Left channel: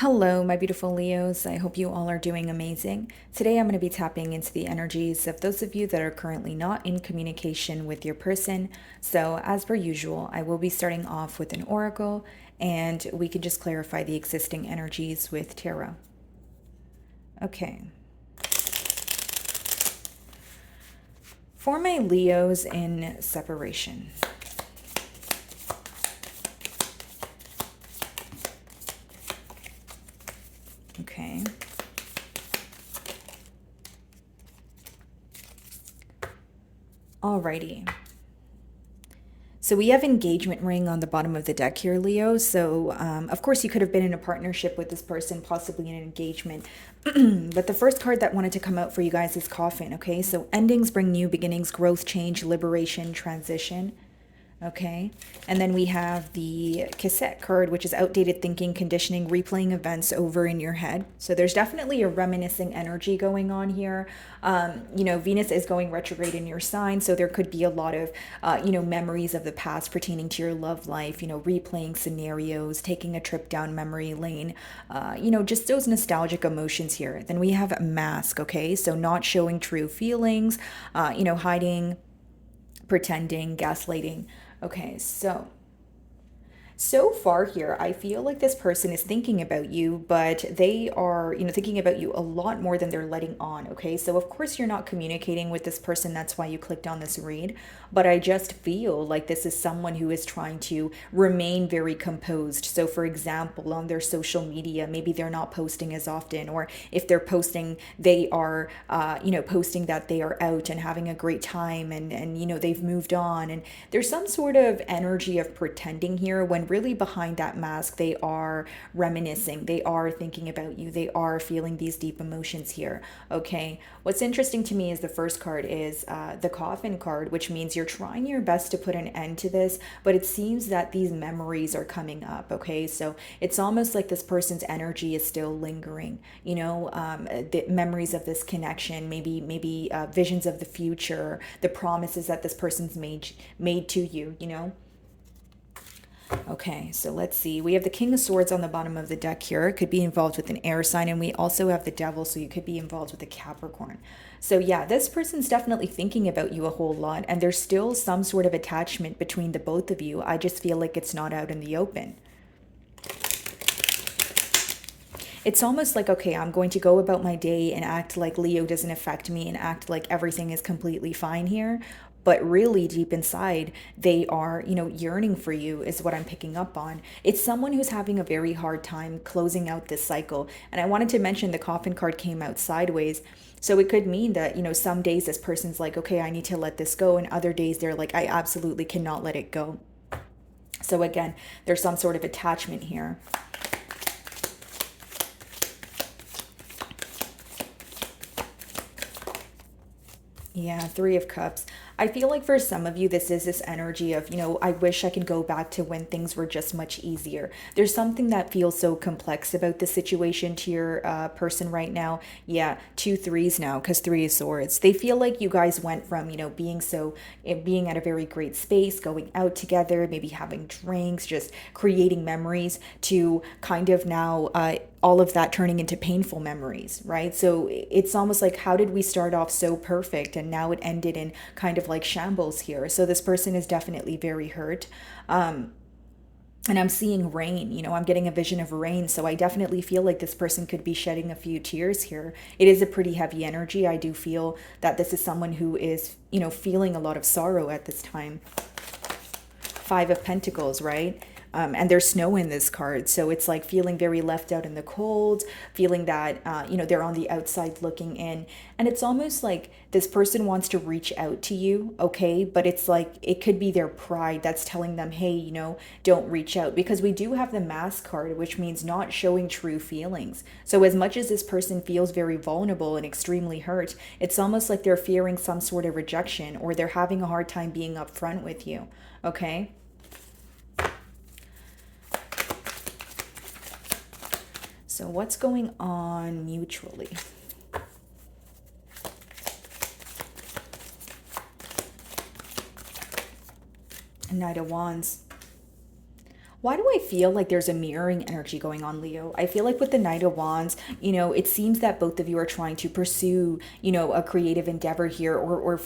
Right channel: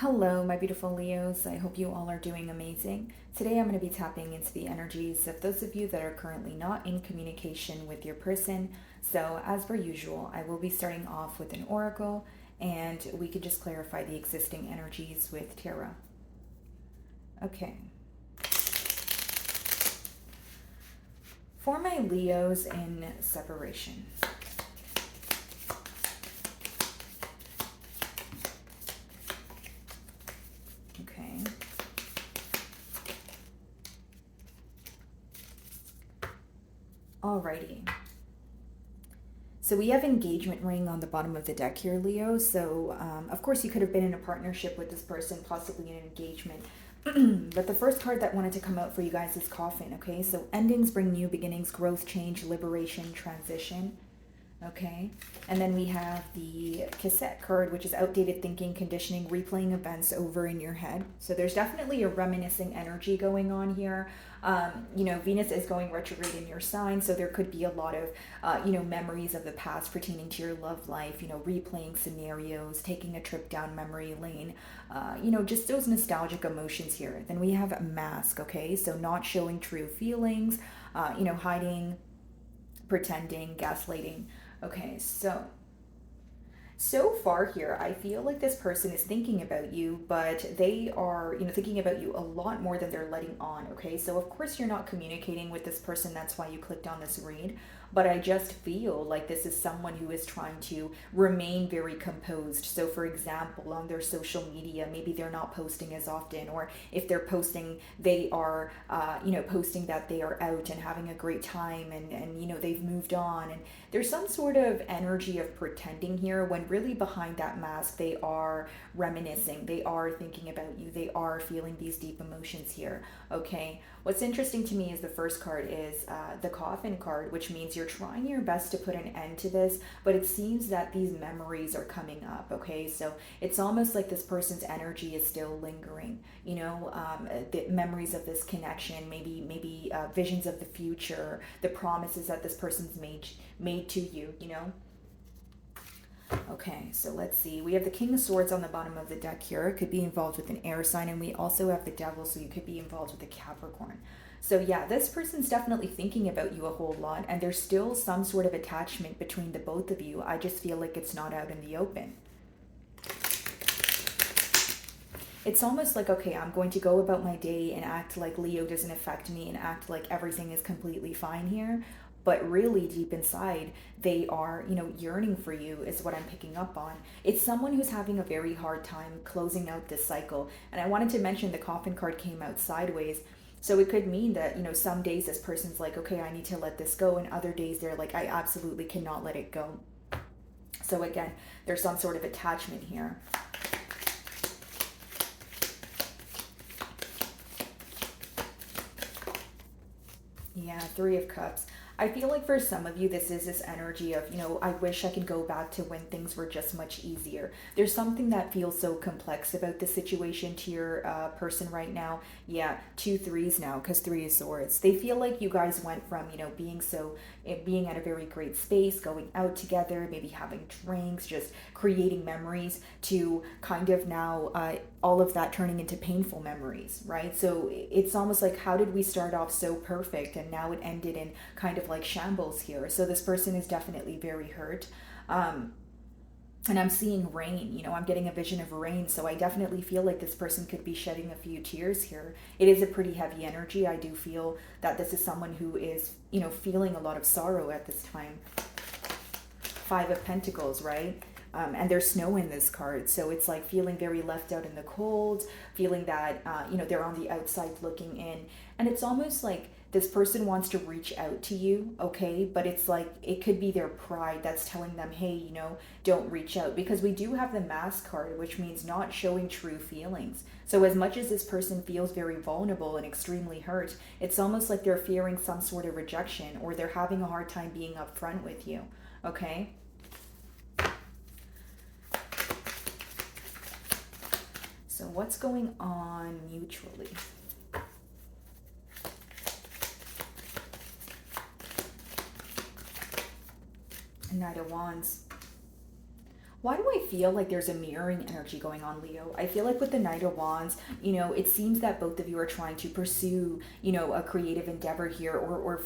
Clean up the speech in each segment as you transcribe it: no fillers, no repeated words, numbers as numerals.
Hello, my beautiful Leos. I hope you all are doing amazing. Today, I'm going to be tapping into the energies of those of you that are currently not in communication with your person. So, as per usual, I will be starting off with an oracle and we can just clarify the existing energies with tarot. Okay. For my Leos in separation. Okay. Alrighty. So we have engagement ring on the bottom of the deck here, Leo. So, of course, you could have been in a partnership with this person, possibly in an engagement. But the first card that wanted to come out for you guys is coffin, okay? So endings bring new beginnings, growth, change, liberation, transition. Okay. And then we have the cassette card, which is outdated thinking, conditioning, replaying events over in your head. So there's definitely a reminiscing energy going on here. Venus is going retrograde in your sign. So there could be a lot of, memories of the past pertaining to your love life, replaying scenarios, taking a trip down memory lane, just those nostalgic emotions here. Then we have a mask. Okay. So not showing true feelings, hiding, pretending, gaslighting. Okay, so far here, I feel like this person is thinking about you, but they are, thinking about you a lot more than they're letting on, okay? So, of course, you're not communicating with this person. That's why you clicked on this read. But I just feel like this is someone who is trying to remain very composed. So, for example, on their social media, maybe they're not posting as often, or if they're posting, they are, posting that they are out and having a great time and they've moved on. And there's some sort of energy of pretending here when really behind that mask, they are reminiscing, they are thinking about you, they are feeling these deep emotions here. Okay, what's interesting to me is the first card is the coffin card, which means you're trying your best to put an end to this, but it seems that these memories are coming up. Okay, so it's almost like this person's energy is still lingering, the memories of this connection, maybe visions of the future, the promises that this person's made to you. Okay, so let's see. We have the King of Swords on the bottom of the deck here. It could be involved with an air sign, and we also have the Devil, so you could be involved with a Capricorn. So yeah, this person's definitely thinking about you a whole lot, and there's still some sort of attachment between the both of you. I just feel like it's not out in the open. It's almost like, okay, I'm going to go about my day and act like Leo doesn't affect me and act like everything is completely fine here. But really, deep inside, they are, yearning for you, is what I'm picking up on. It's someone who's having a very hard time closing out this cycle. And I wanted to mention the coffin card came out sideways. So it could mean that, some days this person's like, okay, I need to let this go. And other days they're like, I absolutely cannot let it go. So again, there's some sort of attachment here. Yeah, Three of Cups. I feel like for some of you, this is this energy of, I wish I could go back to when things were just much easier. There's something that feels so complex about the situation to your person right now. Yeah, two threes now, because Three of Swords. They feel like you guys went from, being at a very great space, going out together, maybe having drinks, just creating memories, to kind of now all of that turning into painful memories, right? So it's almost like, how did we start off so perfect and now it ended in kind of like shambles here? So this person is definitely very hurt. And I'm seeing rain, I'm getting a vision of rain. So I definitely feel like this person could be shedding a few tears here. It is a pretty heavy energy. I do feel that this is someone who is, feeling a lot of sorrow at this time. Five of Pentacles, right? And there's snow in this card, so it's like feeling very left out in the cold, feeling that they're on the outside looking in. And it's almost like this person wants to reach out to you, okay, but it's like it could be their pride that's telling them, hey, don't reach out, because we do have the Mask card, which means not showing true feelings. So as much as this person feels very vulnerable and extremely hurt, it's almost like they're fearing some sort of rejection, or they're having a hard time being upfront with you. Okay. So what's going on mutually? Knight of Wands. Why do I feel like there's a mirroring energy going on, Leo? I feel like with the Knight of Wands, it seems that both of you are trying to pursue, a creative endeavor here, or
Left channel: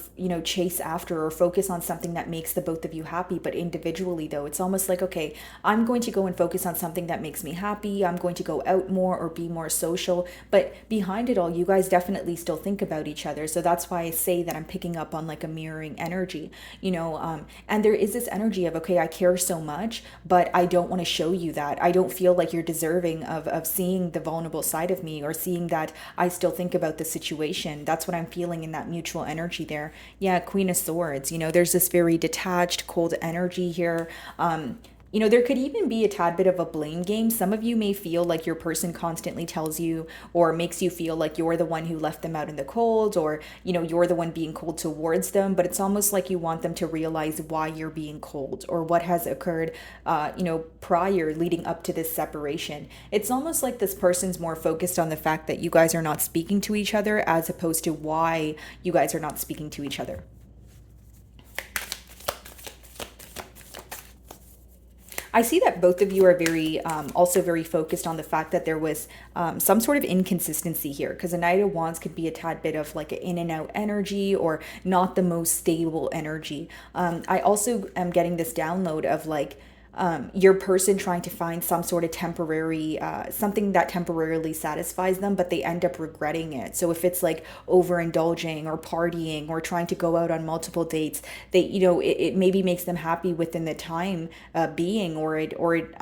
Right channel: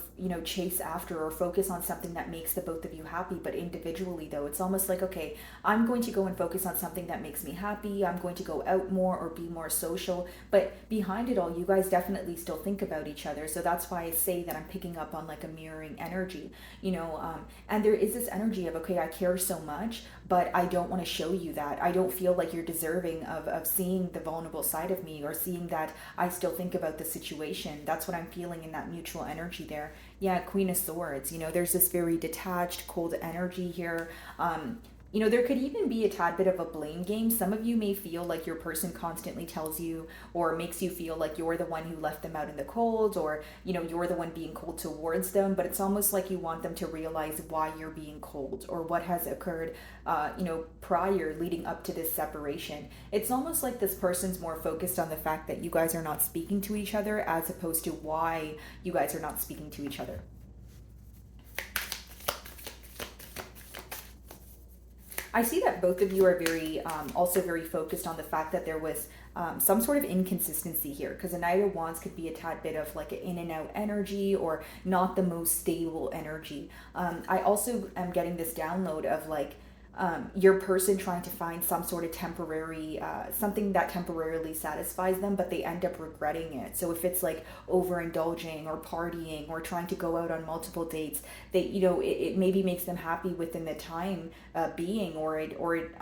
chase after or focus on something that makes the both of you happy. But individually, though, it's almost like, okay, I'm going to go and focus on something that makes me happy. I'm going to go out more or be more social. But behind it all, you guys definitely still think about each other. So that's why I say that I'm picking up on like a mirroring energy, and there is this energy of, okay, I care so much, but I don't want to show you that. I don't feel like you're deserving of seeing the vulnerable side of me, or seeing that I still think about the situation. That's what I'm feeling in that mutual energy there. Yeah, Queen of Swords. There's this very detached, cold energy here. There could even be a tad bit of a blame game. Some of you may feel like your person constantly tells you or makes you feel like you're the one who left them out in the cold, or, you're the one being cold towards them. But it's almost like you want them to realize why you're being cold, or what has occurred, prior, leading up to this separation. It's almost like this person's more focused on the fact that you guys are not speaking to each other, as opposed to why you guys are not speaking to each other. I see that both of you are also very focused on the fact that there was some sort of inconsistency here, because a Knight of Wands could be a tad bit of like an in and out energy, or not the most stable energy. I also am getting this download of like, your person trying to find some sort of temporary, something that temporarily satisfies them, but they end up regretting it. So if it's like overindulging or partying or trying to go out on multiple dates, it maybe makes them happy within the time being, or it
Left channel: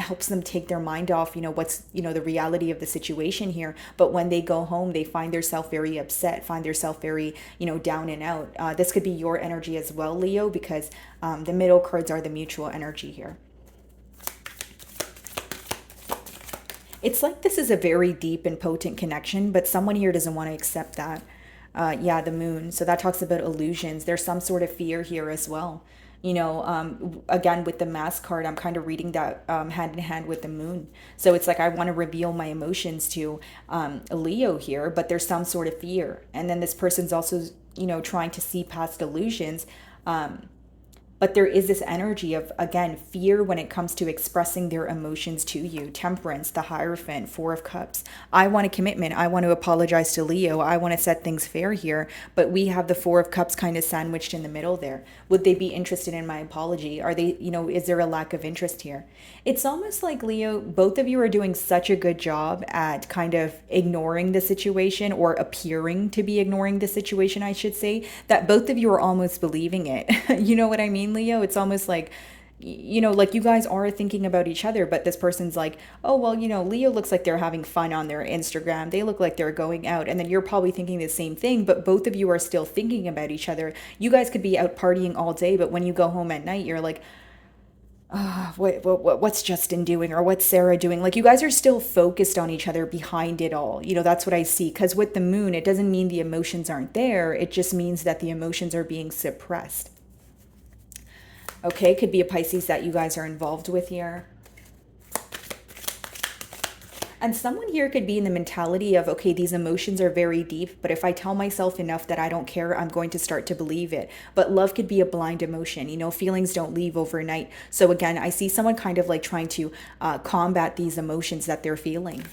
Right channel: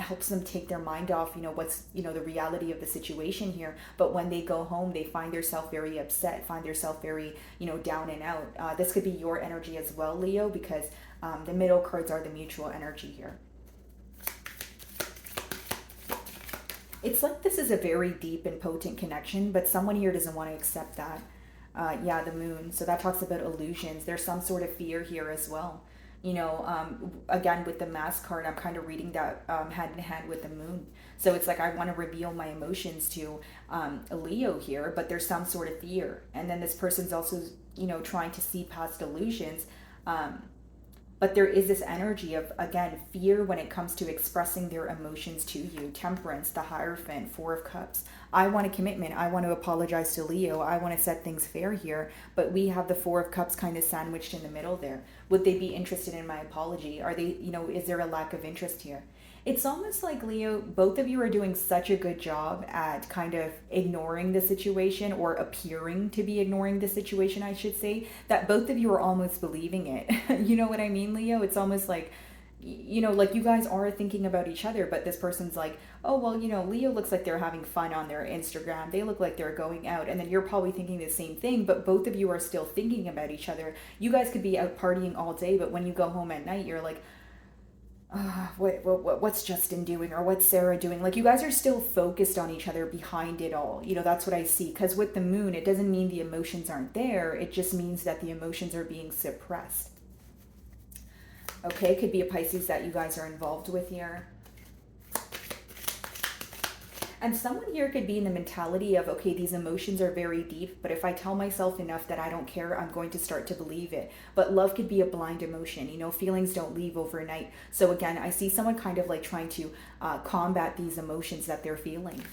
helps them take their mind off, what's, the reality of the situation here. But when they go home, they find themselves very upset, find themselves very, down and out. This could be your energy as well, Leo, because the middle cards are the mutual energy here. It's like this is a very deep and potent connection, but someone here doesn't want to accept that. Yeah, the moon. So that talks about illusions. There's some sort of fear here as well. Again, with the mask card, I'm kind of reading that hand in hand with the moon. So it's like I want to reveal my emotions to a Leo here, but there's some sort of fear. And then this person's also, trying to see past illusions. But there is this energy of, again, fear when it comes to expressing their emotions to you. Temperance, the Hierophant, Four of Cups. I want a commitment. I want to apologize to Leo. I want to set things fair here. But we have the Four of Cups kind of sandwiched in the middle there. Would they be interested in my apology? Are they, is there a lack of interest here? It's almost like, Leo, both of you are doing such a good job at kind of ignoring the situation, or appearing to be ignoring the situation, I should say, that both of you are almost believing it. You know what I mean, Leo? It's almost like, like you guys are thinking about each other, but this person's like, oh, well, Leo looks like they're having fun on their Instagram. They look like they're going out. And then you're probably thinking the same thing, but both of you are still thinking about each other. You guys could be out partying all day, but when you go home at night, you're like, what's Justin doing, or what's Sarah doing? Like, you guys are still focused on each other behind it all. That's what I see. Because with the moon, it doesn't mean the emotions aren't there. It just means that the emotions are being suppressed. Okay, could be a Pisces that you guys are involved with here. And someone here could be in the mentality of, okay, these emotions are very deep, but if I tell myself enough that I don't care, I'm going to start to believe it. But love could be a blind emotion. Feelings don't leave overnight. So again, I see someone kind of like trying to combat these emotions that they're feeling.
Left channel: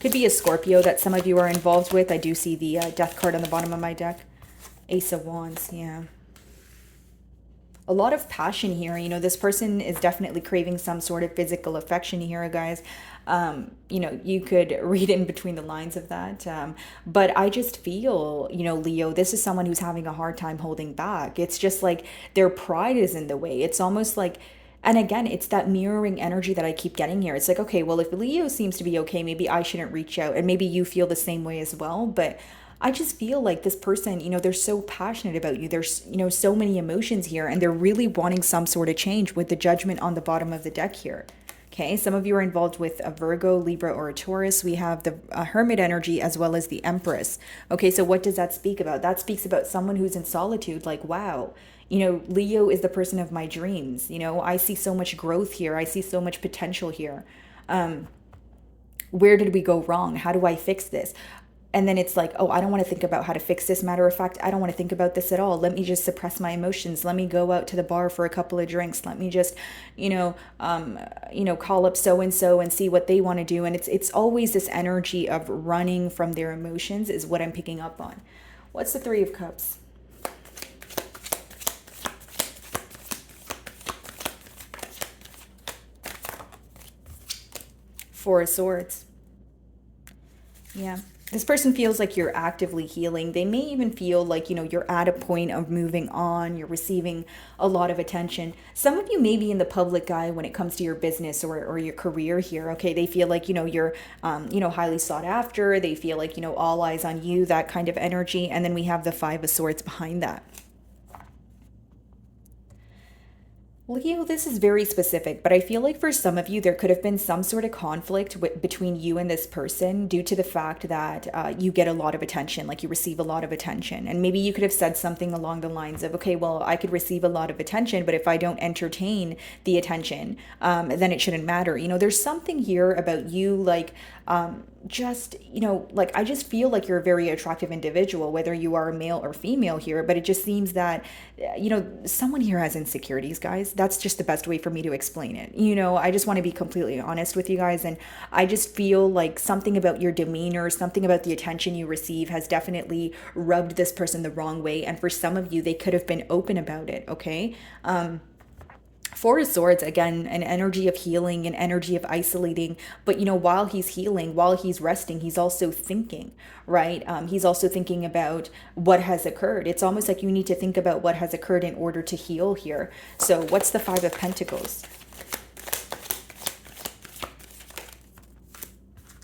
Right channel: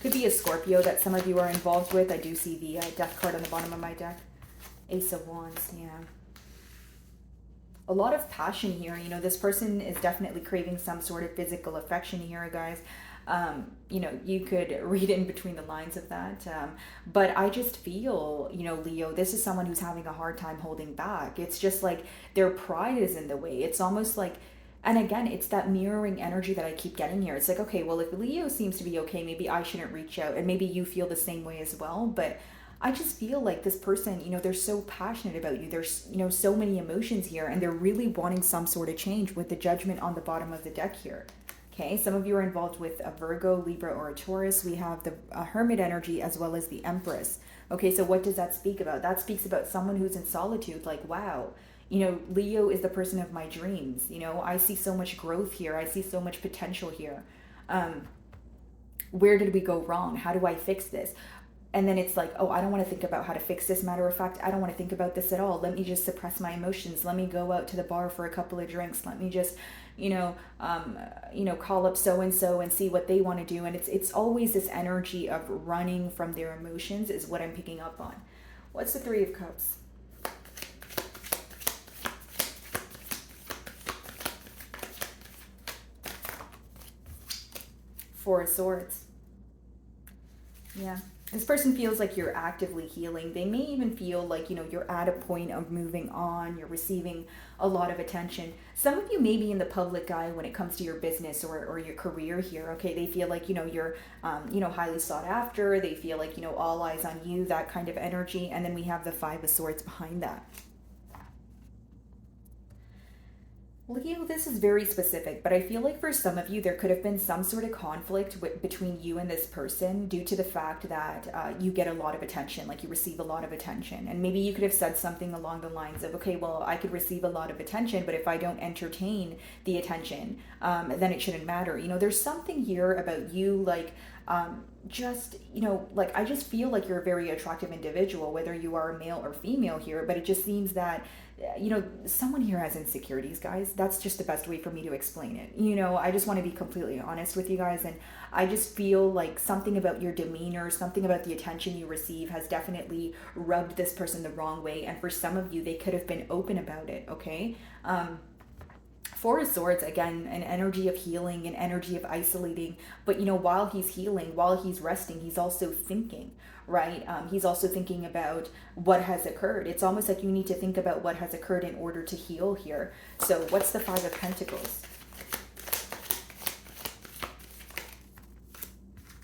Could be a Scorpio that some of you are involved with. I do see the Death card on the bottom of my deck. Ace of Wands, yeah. A lot of passion here. This person is definitely craving some sort of physical affection here, guys. You could read in between the lines of that. But I just feel, Leo, this is someone who's having a hard time holding back. It's just like their pride is in the way. It's almost like, and again, it's that mirroring energy that I keep getting here. It's like, okay, well, if Leo seems to be okay, maybe I shouldn't reach out. And maybe you feel the same way as well. But I just feel like this person, they're so passionate about you. There's, so many emotions here, and they're really wanting some sort of change with the Judgment on the bottom of the deck here. Okay, some of you are involved with a Virgo, Libra, or a Taurus. We have the Hermit energy as well as the Empress. Okay, so what does that speak about? That speaks about someone who's in solitude, like, wow, Leo is the person of my dreams. I see so much growth here. I see so much potential here. Where did we go wrong? How do I fix this? And then it's like, oh, I don't want to think about how to fix this. Matter of fact, I don't want to think about this at all. Let me just suppress my emotions. Let me go out to the bar for a couple of drinks. Let me just, call up so and so and see what they want to do. And it's always this energy of running from their emotions is what I'm picking up on. What's the Three of Cups? Four of Swords. Yeah. This person feels like you're actively healing. They may even feel like, you're at a point of moving on. You're receiving a lot of attention. Some of you may be in the public eye when it comes to your business or your career here. Okay. They feel like, you're, highly sought after. They feel like, all eyes on you, that kind of energy. And then we have the Five of Swords behind that. Leo, this is very specific, but I feel like for some of you, there could have been some sort of conflict between you and this person due to the fact that you get a lot of attention, like you receive a lot of attention. And maybe you could have said something along the lines of, okay, well, I could receive a lot of attention, but if I don't entertain the attention, then it shouldn't matter. There's something here about you, like, I just feel like you're a very attractive individual, whether you are a male or female here, but it just seems that, someone here has insecurities, guys. That's just the best way for me to explain it. I just want to be completely honest with you guys. And I just feel like something about your demeanor, something about the attention you receive has definitely rubbed this person the wrong way. And for some of you, they could have been open about it. Okay. Four of Swords, again, an energy of healing, an energy of isolating. But, while he's healing, while he's resting, he's also thinking, right? He's also thinking about what has occurred. It's almost like you need to think about what has occurred in order to heal here. So what's the Five of Pentacles?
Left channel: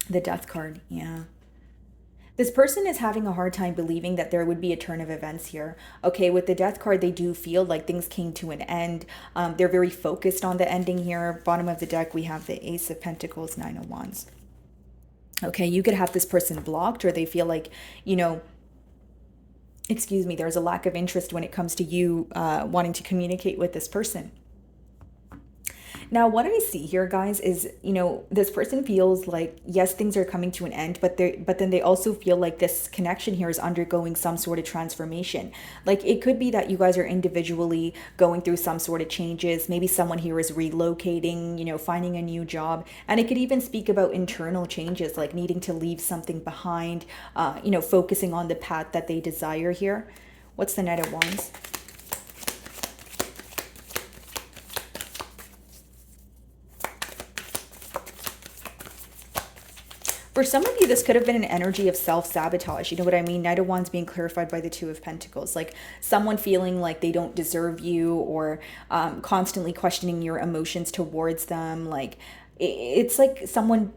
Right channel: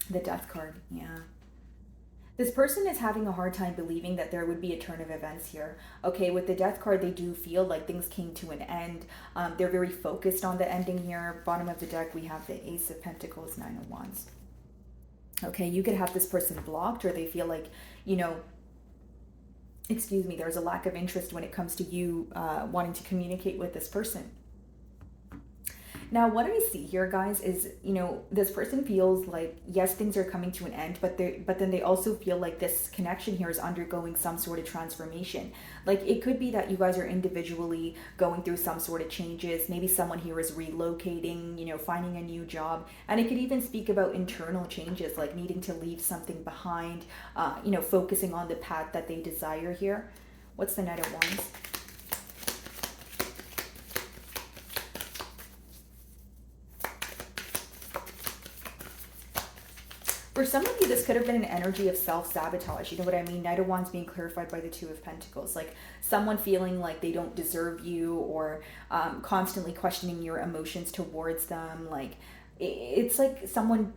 The Death card, yeah. This person is having a hard time believing that there would be a turn of events here. Okay, with the Death card, they do feel like things came to an end. They're very focused on the ending here. Bottom of the deck, we have the Ace of Pentacles, Nine of Wands. Okay, you could have this person blocked, or they feel like, there's a lack of interest when it comes to you wanting to communicate with this person. Now, what I see here, guys, is, this person feels like, yes, things are coming to an end, but then they also feel like this connection here is undergoing some sort of transformation. Like, it could be that you guys are individually going through some sort of changes. Maybe someone here is relocating, finding a new job. And it could even speak about internal changes, like needing to leave something behind, focusing on the path that they desire here. What's the Knight of Wands? For some of you, this could have been an energy of self-sabotage. You know what I mean? Knight of Wands being clarified by the Two of Pentacles. Like someone feeling like they don't deserve you, or constantly questioning your emotions towards them. Like it's like someone,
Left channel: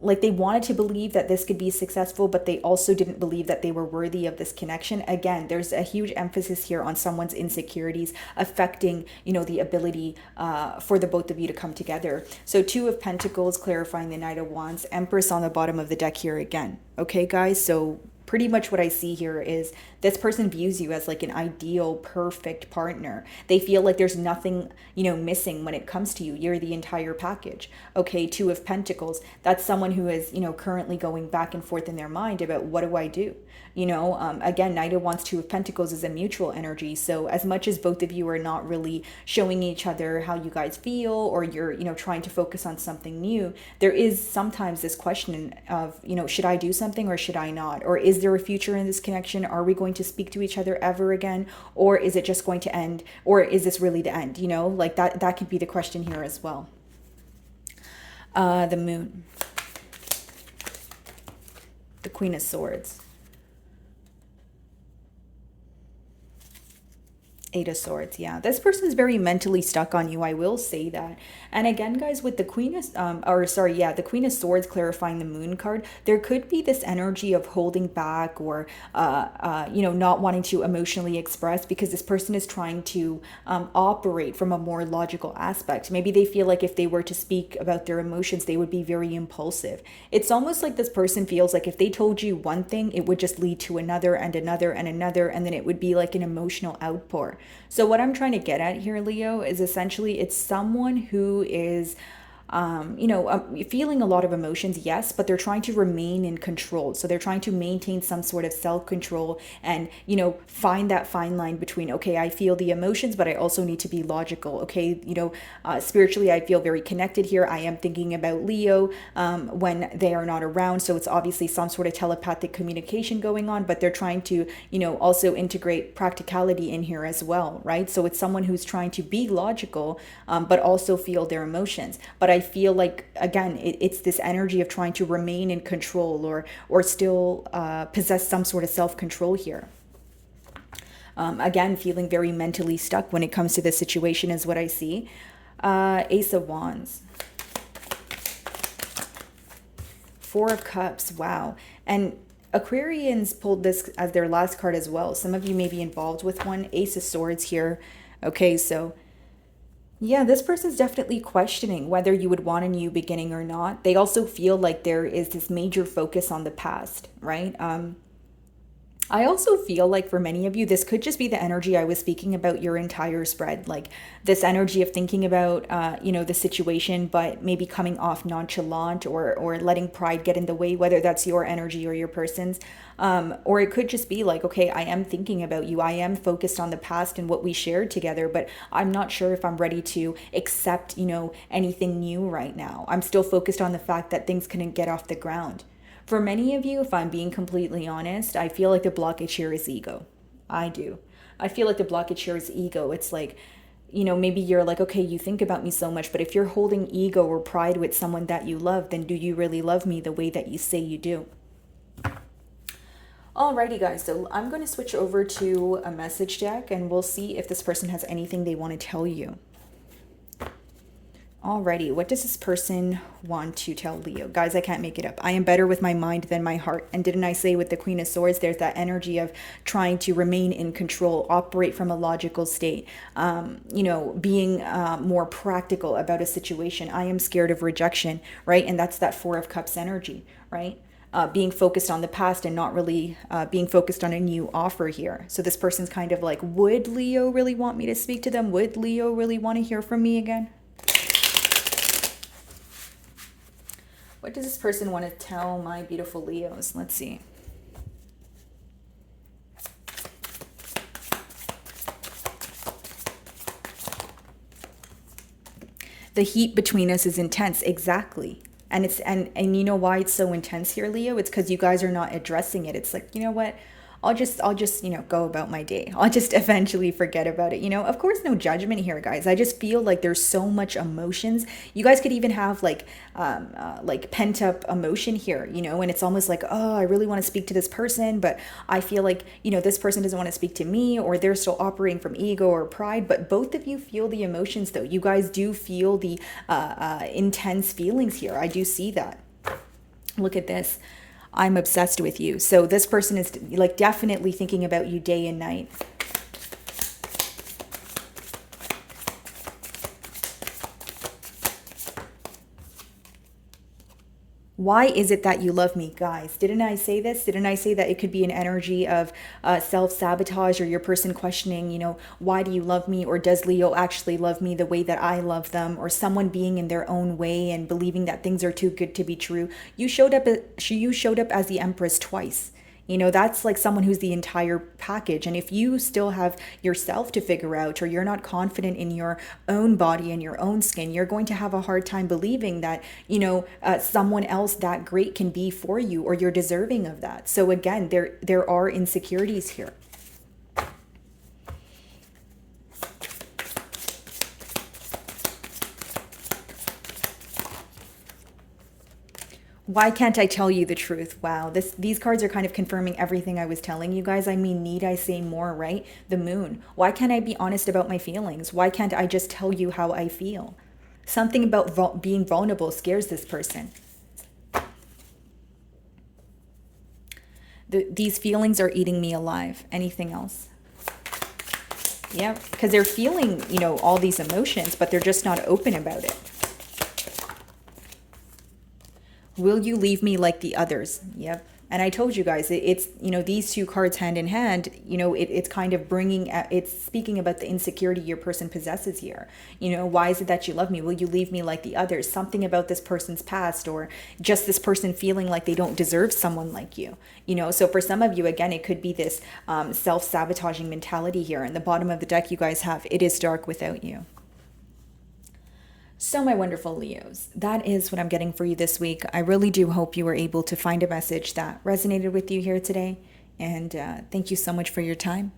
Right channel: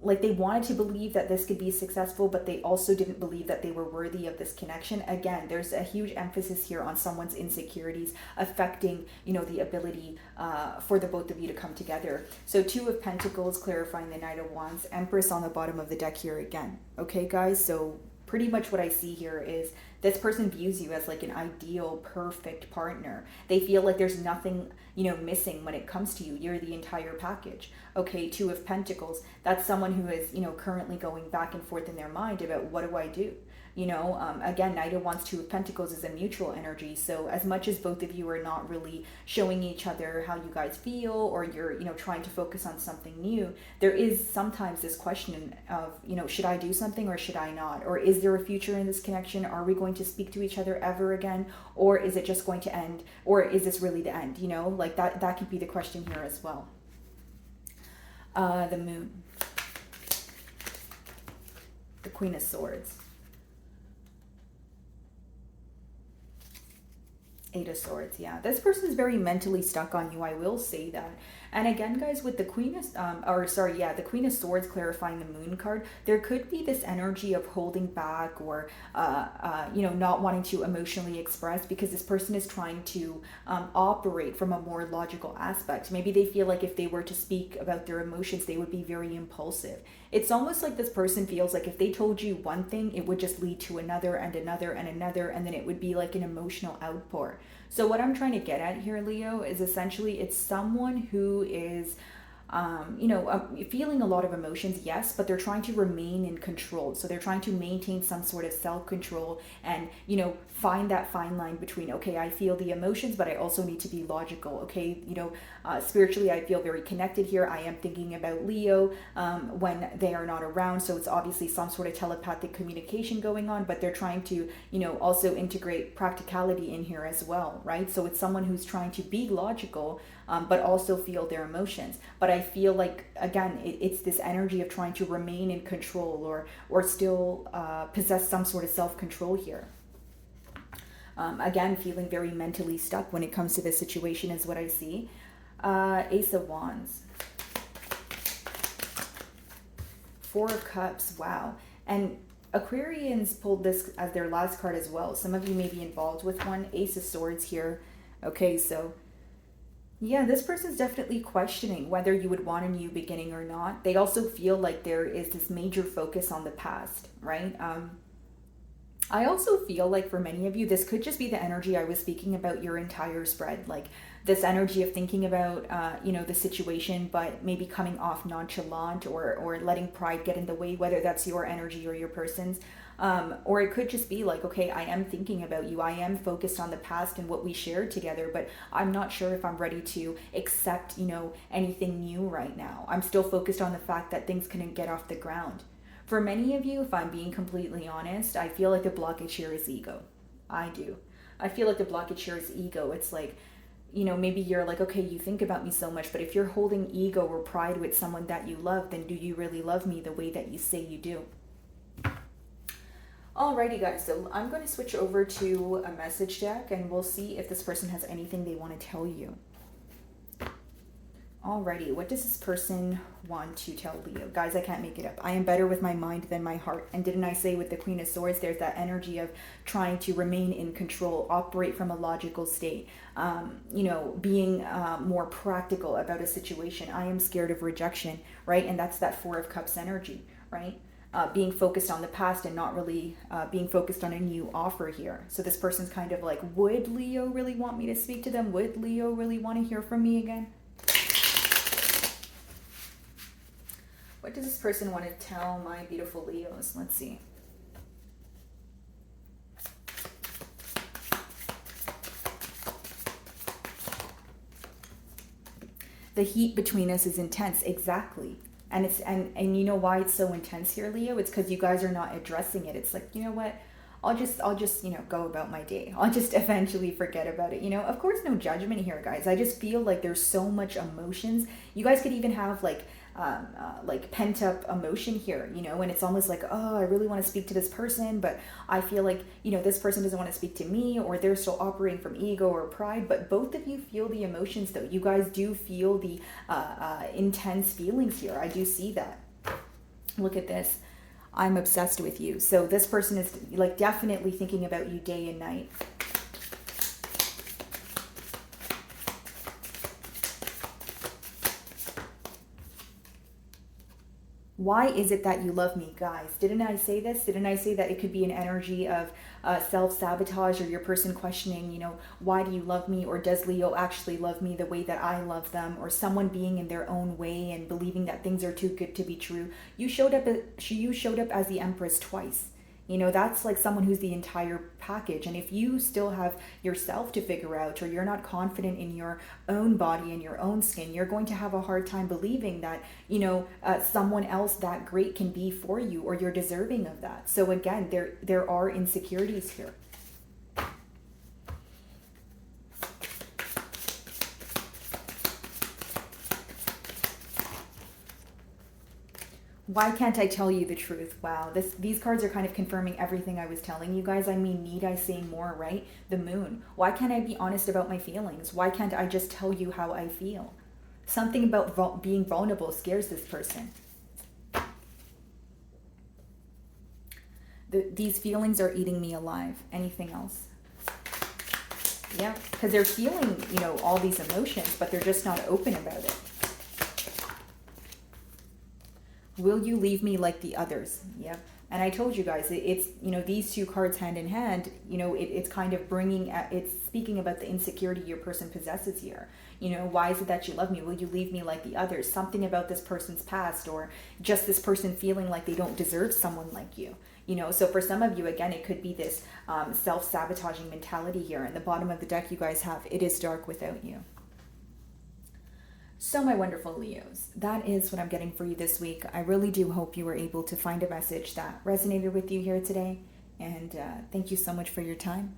like they wanted to believe that this could be successful, but they also didn't believe that they were worthy of this connection. Again, there's a huge emphasis here on someone's insecurities affecting, the ability for the both of you to come together. So Two of Pentacles clarifying the Knight of Wands, Empress on the bottom of the deck here again. Okay, guys, so pretty much what I see here is this person views you as like an ideal, perfect partner. They feel like there's nothing, missing when it comes to you. You're the entire package. Okay, Two of Pentacles. That's someone who is, currently going back and forth in their mind about what do I do? Again, Knight of Wands, Two of Pentacles is a mutual energy. So as much as both of you are not really showing each other how you guys feel, or you're, trying to focus on something new, there is sometimes this question of, should I do something or should I not? Or is there a future in this connection? Are we going to speak to each other ever again? Or is it just going to end? Or is this really the end? Like that could be the question here as well. The Moon. The Queen of Swords. Eight of Swords. Yeah, this person is very mentally stuck on you. I will say that. And again, guys, with the Queen of, the Queen of Swords clarifying the Moon card, there could be this energy of holding back, or, not wanting to emotionally express, because this person is trying to operate from a more logical aspect. Maybe they feel like if they were to speak about their emotions, they would be very impulsive. It's almost like this person feels like if they told you one thing, it would just lead to another and another and another, and then it would be like an emotional outpour. So what I'm trying to get at here, Leo, is essentially it's someone who is feeling a lot of emotions, yes, but they're trying to remain in control. So they're trying to maintain some sort of self-control and, find that fine line between, okay, I feel the emotions, but I also need to be logical. Okay, spiritually, I feel very connected here. I am thinking about Leo when they are not around. So it's obviously some sort of telepathic communication going on, but they're trying to, also integrate practicality in here as well, right? So it's someone who's trying to be logical, but also feel their emotions. But I feel like, again, it's this energy of trying to remain in control or still possess some sort of self-control here. Again, feeling very mentally stuck when it comes to this situation is what I see. Ace of Wands. Four of Cups. Wow. And Aquarians pulled this as their last card as well. Some of you may be involved with one. Ace of Swords here. Okay, so yeah, this person's definitely questioning whether you would want a new beginning or not. They also feel like there is this major focus on the past, right? I also feel like for many of you, this could just be the energy I was speaking about your entire spread. Like this energy of thinking about, the situation, but maybe coming off nonchalant or letting pride get in the way, whether that's your energy or your person's. Or it could just be like, okay, I am thinking about you. I am focused on the past and what we shared together, but I'm not sure if I'm ready to accept, anything new right now. I'm still focused on the fact that things couldn't get off the ground. For many of you, if I'm being completely honest, I feel like the blockage here is ego. I do. I feel like the blockage here is ego. It's like, maybe you're like, okay, you think about me so much, but if you're holding ego or pride with someone that you love, then do you really love me the way that you say you do? Alrighty guys, so I'm going to switch over to a message deck and we'll see if this person has anything they want to tell you. Alrighty, what does this person want to tell Leo? Guys, I can't make it up. I am better with my mind than my heart. And didn't I say with the Queen of Swords, there's that energy of trying to remain in control, operate from a logical state, being more practical about a situation. I am scared of rejection, right? And that's that Four of Cups energy, right? Being focused on the past and not really being focused on a new offer here. So this person's kind of like, would Leo really want me to speak to them? Would Leo really want to hear from me again? What does this person want to tell my beautiful Leos? Let's see. The heat between us is intense. Exactly. And it's and you know why it's so intense here, Leo? It's because you guys are not addressing it. It's like, you know what? I'll just go about my day. I'll just eventually forget about it. Of course, no judgment here, guys. I just feel like there's so much emotions. You guys could even have like pent up emotion here, and it's almost like, oh, I really want to speak to this person, but I feel like, this person doesn't want to speak to me, or they're still operating from ego or pride. But both of you feel the emotions though. You guys do feel the intense feelings here. I do see that. Look at this. I'm obsessed with you. So this person is like definitely thinking about you day and night. Why is it that you love me, guys? Didn't I say this? Didn't I say that it could be an energy of self-sabotage, or your person questioning, why do you love me? Or does Leo actually love me the way that I love them? Or someone being in their own way and believing that things are too good to be true. You showed up as the Empress twice. That's like someone who's the entire package. And if you still have yourself to figure out, or you're not confident in your own body and your own skin, you're going to have a hard time believing that, someone else that great can be for you, or you're deserving of that. So again, there are insecurities here. Why can't I tell you the truth? Wow, these cards are kind of confirming everything I was telling you guys. I mean, need I say more, right? The moon. Why can't I be honest about my feelings? Why can't I just tell you how I feel? Something about being vulnerable scares this person. These feelings are eating me alive. Anything else? Yeah, because they're feeling, all these emotions, but they're just not open about it. Will you leave me like the others? Yep. And I told you guys, it's, these two cards hand in hand, it's kind of it's speaking about the insecurity your person possesses here. Why is it that you love me? Will you leave me like the others? Something about this person's past, or just this person feeling like they don't deserve someone like you. So for some of you, again, it could be this self-sabotaging mentality here. And the bottom of the deck you guys have, it is dark without you. So, my wonderful Leos, that is what I'm getting for you this week. I really do hope you were able to find a message that resonated with you here today. And thank you so much for your time.